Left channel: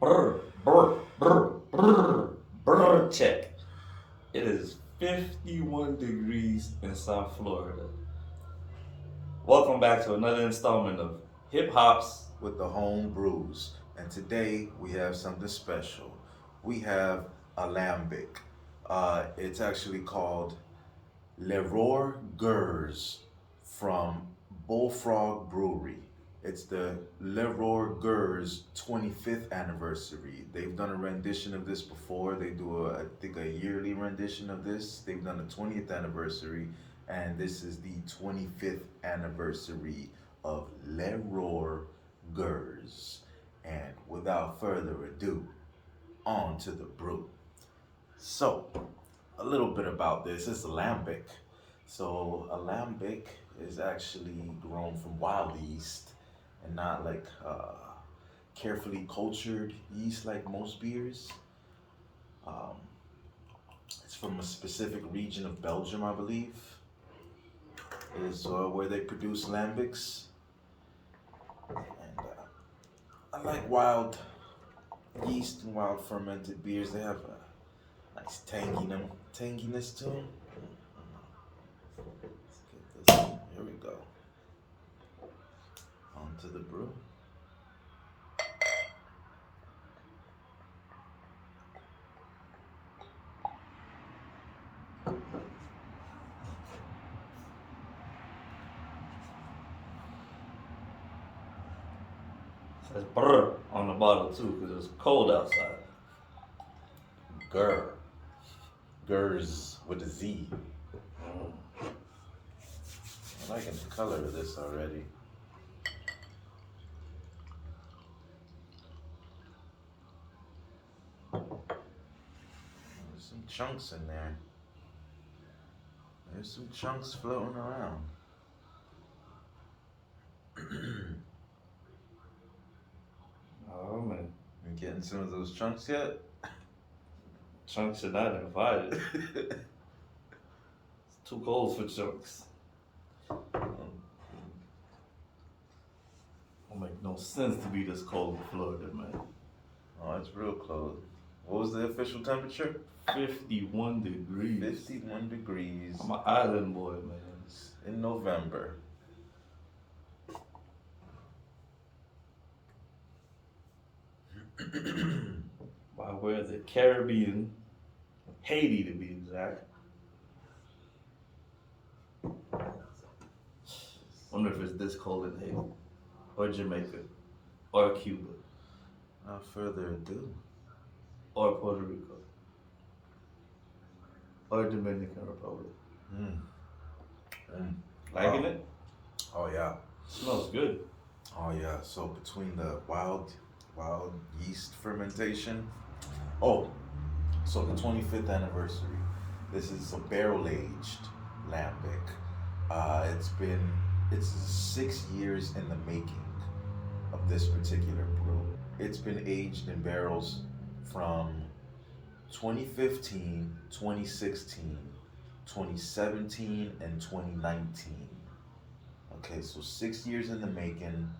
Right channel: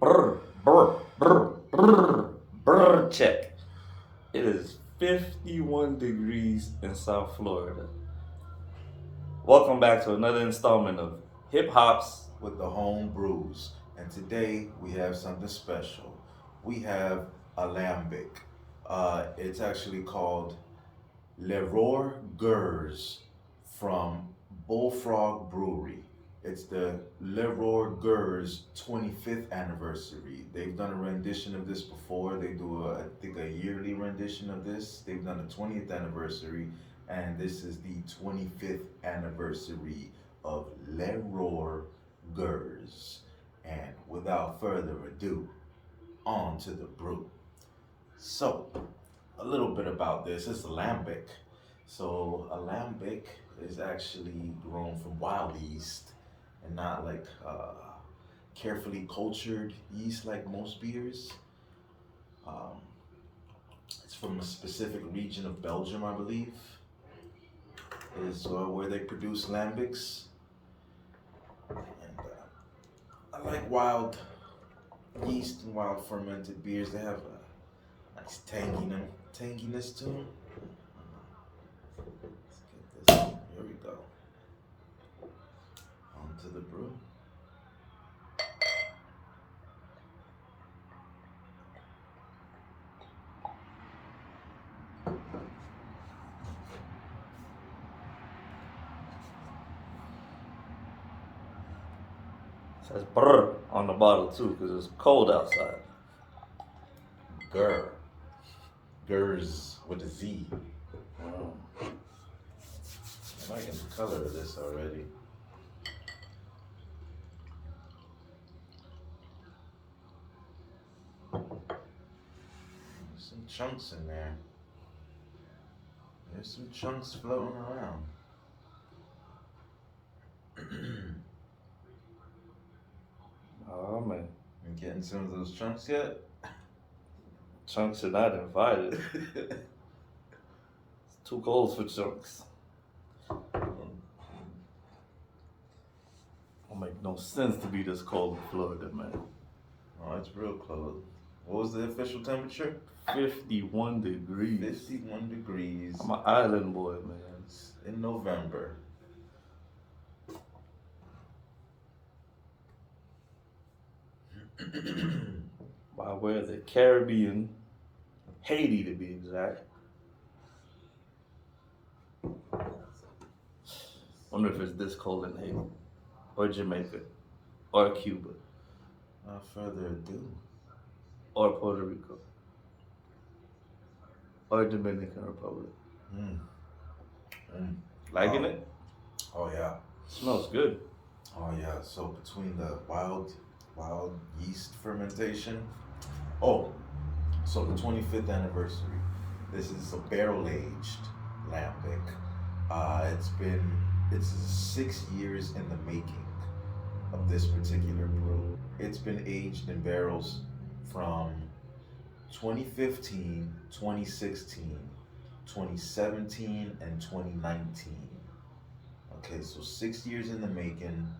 Brr, brr, brr, brr, brr, check. It is 51 degrees in South Florida. Welcome back to another installment of Hip Hops. With the home brews. And today we have something special. We have a lambic. It's actually called Leroy Grrrz from Bullfrog Brewery. It's the Leroy Grrrz 25th anniversary. They've done a rendition of this before. They do, I think, a yearly rendition of this. They've done a 20th anniversary, and this is the 25th anniversary of Leroy Grrrz. And without further ado, on to the brew. So, a little bit about this. It's a lambic. So a lambic is actually grown from wild yeast and not like carefully cultured yeast like most beers. Um, it's from a specific region of Belgium, I believe, is where they produce lambics. And I like wild yeast and wild fermented beers. They have a nice tanginess to them. Let's get this. Here we go. On to the brew. It says brr on the bottle too because it's cold outside. Grr. Grrrz with a Z. Mm. I'm liking the color of this already. There's some chunks in there. There's some chunks floating around. Oh man, You getting some of those chunks yet? chunks are not invited. It's too cold for chunks. Don't make no sense to be this cold in Florida, man. Oh, it's real close. What was the official temperature? 51 degrees. 51 degrees. I'm an island boy, man. In November. By way of the Caribbean, Haiti to be exact. Wonder if it's this cold in Haiti, or Jamaica, or Cuba, Without further ado. or Puerto Rico, or Dominican Republic. Mm. Mm. Liking Oh. it? Oh yeah. Smells good. Oh yeah. So between the wild yeast fermentation. Oh, so the 25th anniversary. This is a barrel aged lambic. It's 6 years in the making of this particular brew. It's been aged in barrels from 2015, 2016, 2017, and 2019. Okay, so 6 years in the making,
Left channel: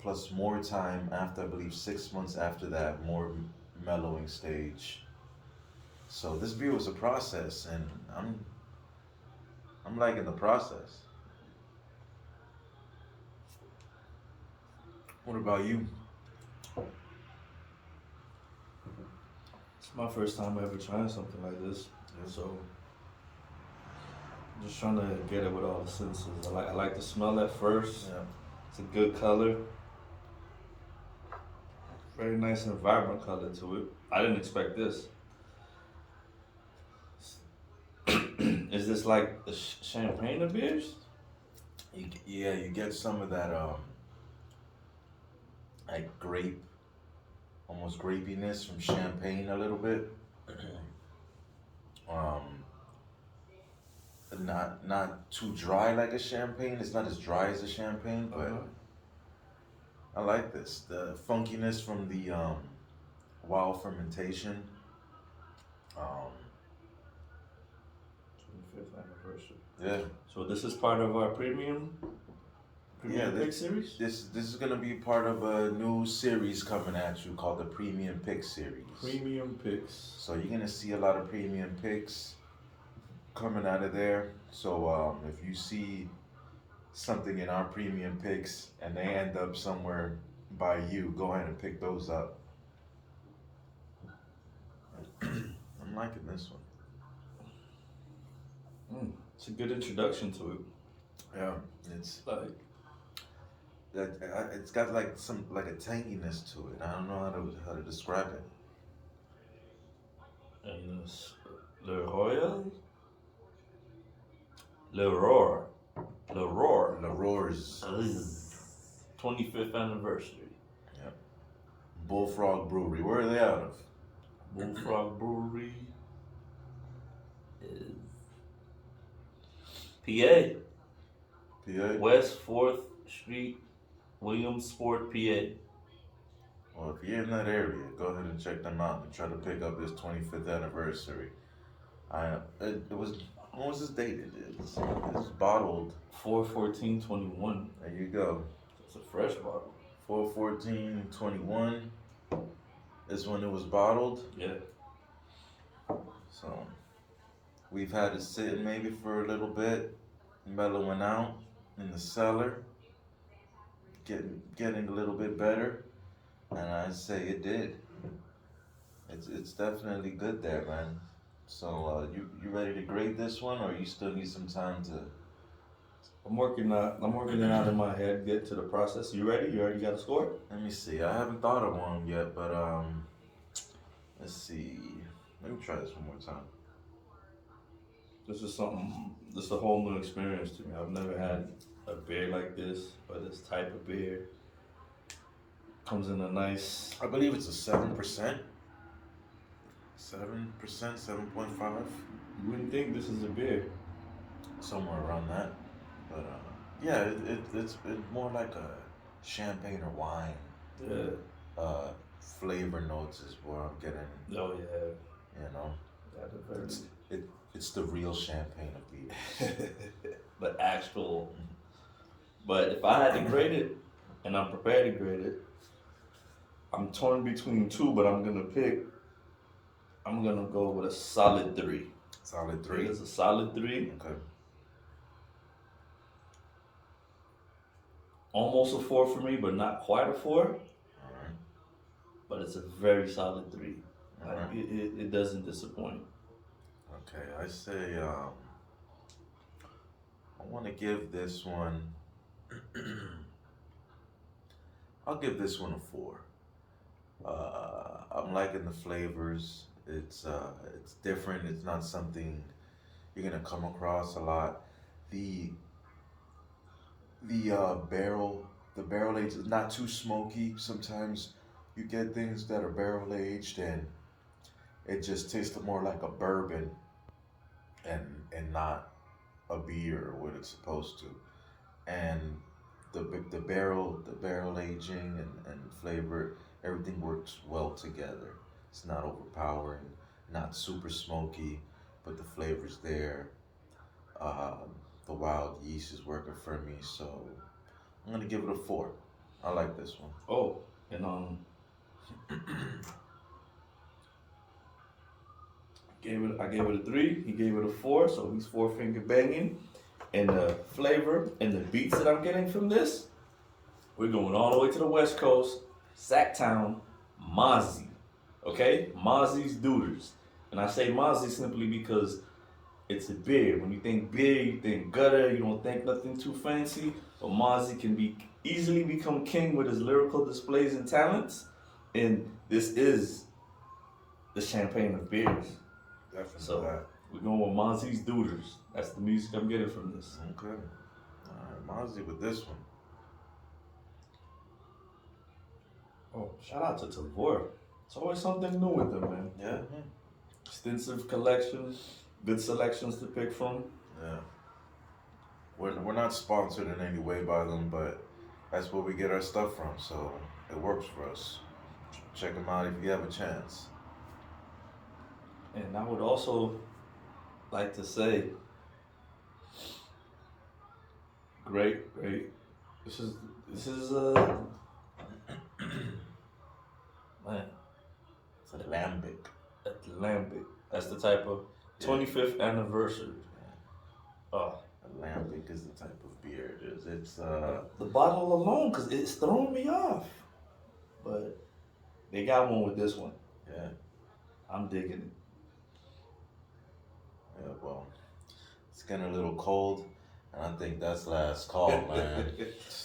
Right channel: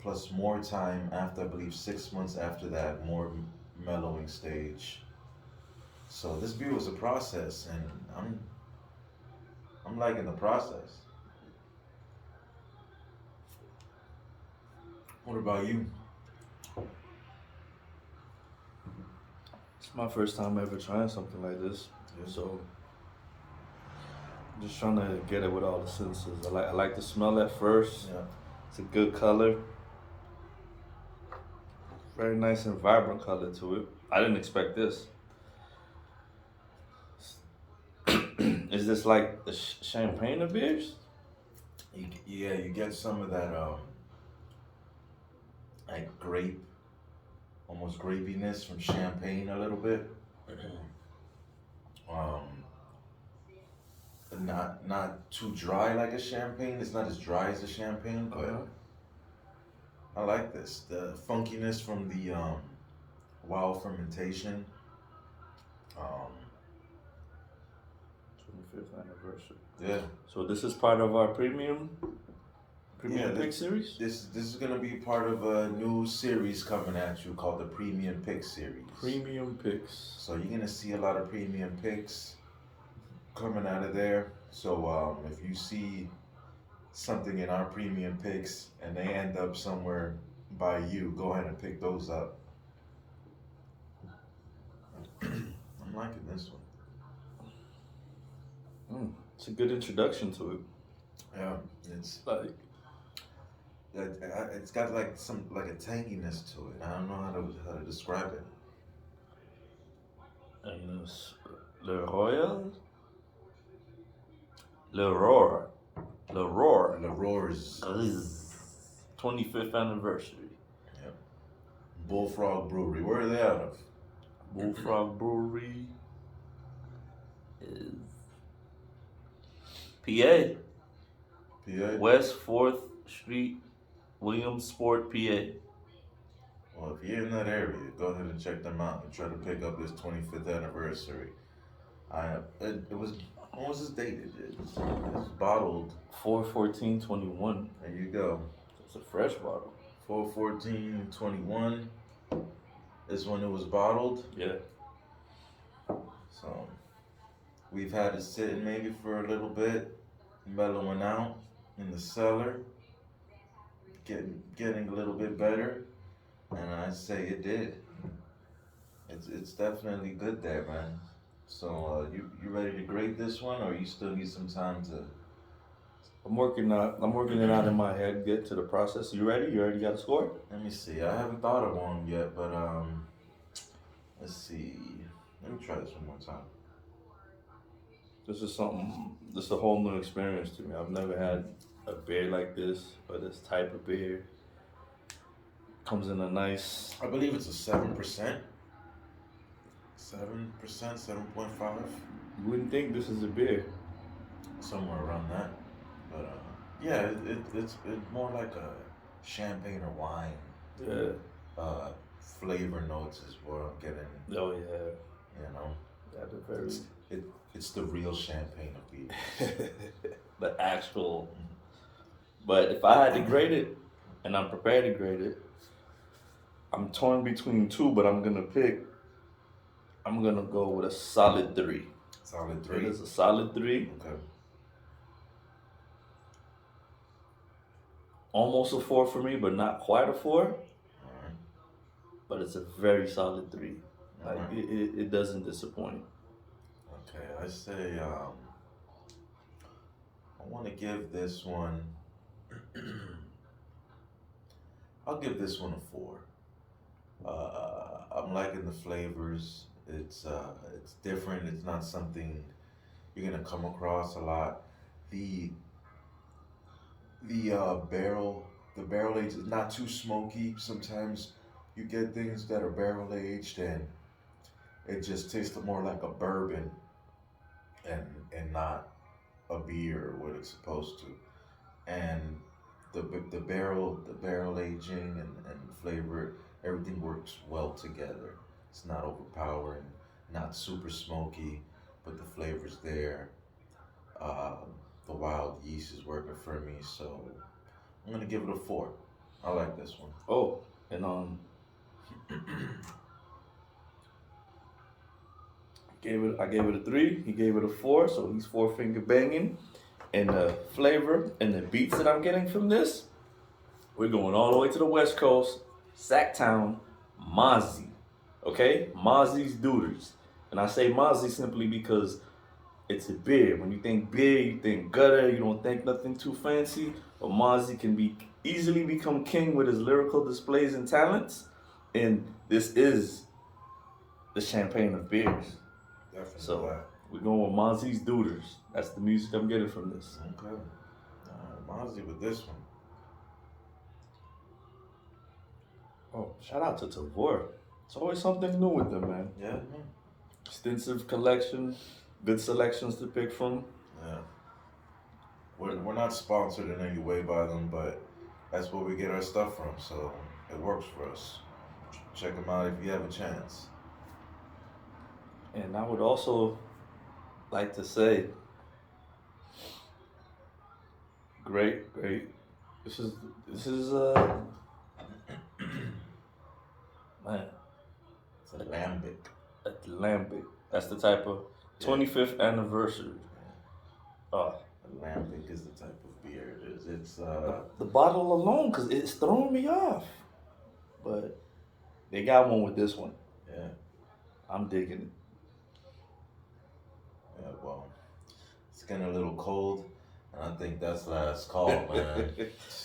plus more time after, I believe, 6 months after that, more mellowing stage. So this beer was a process, and I'm liking the process. What about you? It's my first time ever trying something like this, Yeah. so I'm just trying to get it with all the senses. I like the smell at first. Yeah. It's a good color, very nice and vibrant color to it. I didn't expect this. Is this like the champagne of beers? Yeah, you get some of that like grape, almost grapiness from champagne a little bit. um, not too dry like a champagne. It's not as dry as a champagne, but Uh-huh. I like this. The funkiness from the wild fermentation. Um, 25th anniversary. yeah, So this is part of our premium. Premium Yeah, Pick series? this is gonna be part of a new series coming at you called the Premium Pick series. Premium Picks. So you're gonna see a lot of premium picks coming out of there. So if you see something in our premium picks and they end up somewhere by you, go ahead and pick those up. I'm liking this one. It's a good introduction to it. Yeah, it's Like, it's got like some like a tanginess to it. I don't know how to describe it. and it's Le Royal? Le Roar. Le Roar. The Roars, Grrrz 25th anniversary. Bullfrog Brewery. Where are they out of? Bullfrog Brewery is PA. PA. West 4th Street, Williamsport, PA. Well, if you're in that area, go ahead and check them out and try to pick up this 25th anniversary. It was when was this dated? It's bottled. 4/14/21. There you go. It's a fresh bottle. 4/14/21 is when it was bottled. Yeah. So we've had it sitting maybe for a little bit, mellowing out in the cellar, getting a little bit better, and I'd say it did. It's definitely good there, man. So you ready to grade this one, or you still need some time to? I'm working it out in my head, get to the process. You ready? You already got a score? Let me see. I haven't thought of one yet, but let's see. Let me try this one more time. This is a whole new experience to me. I've never had a beer like this, or this type of beer. Comes in a nice. I believe it's a 7%. 7%, 7.5, You wouldn't think this is a beer. somewhere around that. But yeah, it's more like a champagne or wine. Yeah. Flavor notes is what I'm getting. Oh yeah. You know, Yeah, the very. it's the real champagne of beer. The actual. But if I had to grade it, and I'm prepared to grade it, I'm torn between two, but I'm gonna go with a solid 3. Solid It 3. is a solid 3. Okay. Almost a 4 for me, but not quite a 4. All right. But it's a very solid 3. All Like right. it doesn't disappoint. Okay. I say I want to give this one. I'll give this one a 4. I'm liking the flavors. It's different. It's not something you're gonna come across a lot. The the barrel age is not too smoky. Sometimes you get things that are barrel aged and it just tastes more like a bourbon and not a beer or what it's supposed to. And the barrel aging and flavor, everything works well together. It's not overpowering, not super smoky, but the flavor's there. The wild yeast is working for me, so I'm gonna give it a 4. I like this one. Oh, and I gave it a 3. He gave it a 4, so he's 4-finger banging. And the flavor and the beats that I'm getting from this, we're going all the way to the West Coast, Sacktown, Mozzie. Okay? Mozzie's Dooders. And I say Mozzie simply because it's a beer. When you think beer, you think gutter, you don't think nothing too fancy. But Mozzie can easily become king with his lyrical displays and talents. And this is the champagne of beers. Definitely. So we're going with Mozzie's Dooders. That's the music I'm getting from this. Okay. All right, Mozzie with this one. Oh, shout out to Tavour. It's always something new with them, man. Yeah. Extensive collection, good selections to pick from. Yeah. We're not sponsored in any way by them, but that's where we get our stuff from, so it works for us. Check them out if you have a chance. And I would also like to say, great This is man, It's a lambic. Lambic. That's the type of Yeah. 25th anniversary. Oh, A lambic is the type of beer it is. It's the bottle alone, cause it's throwing me off. But they got one with this one. yeah, I'm digging yeah. Well, it's getting a little cold, and I think that's last it. call, man.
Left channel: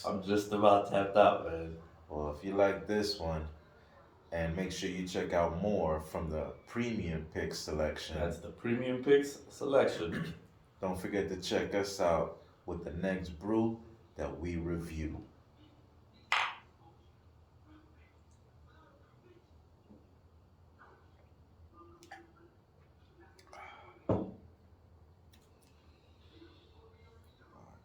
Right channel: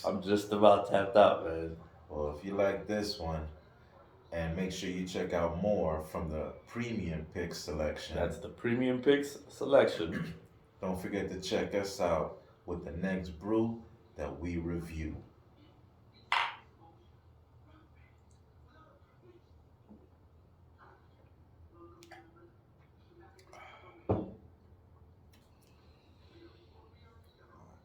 I'm just about tapped out, man. Well, if you like this one, and make sure you check out more from the premium pick selection. That's the premium picks selection. Don't forget to check us out with the next brew that we review.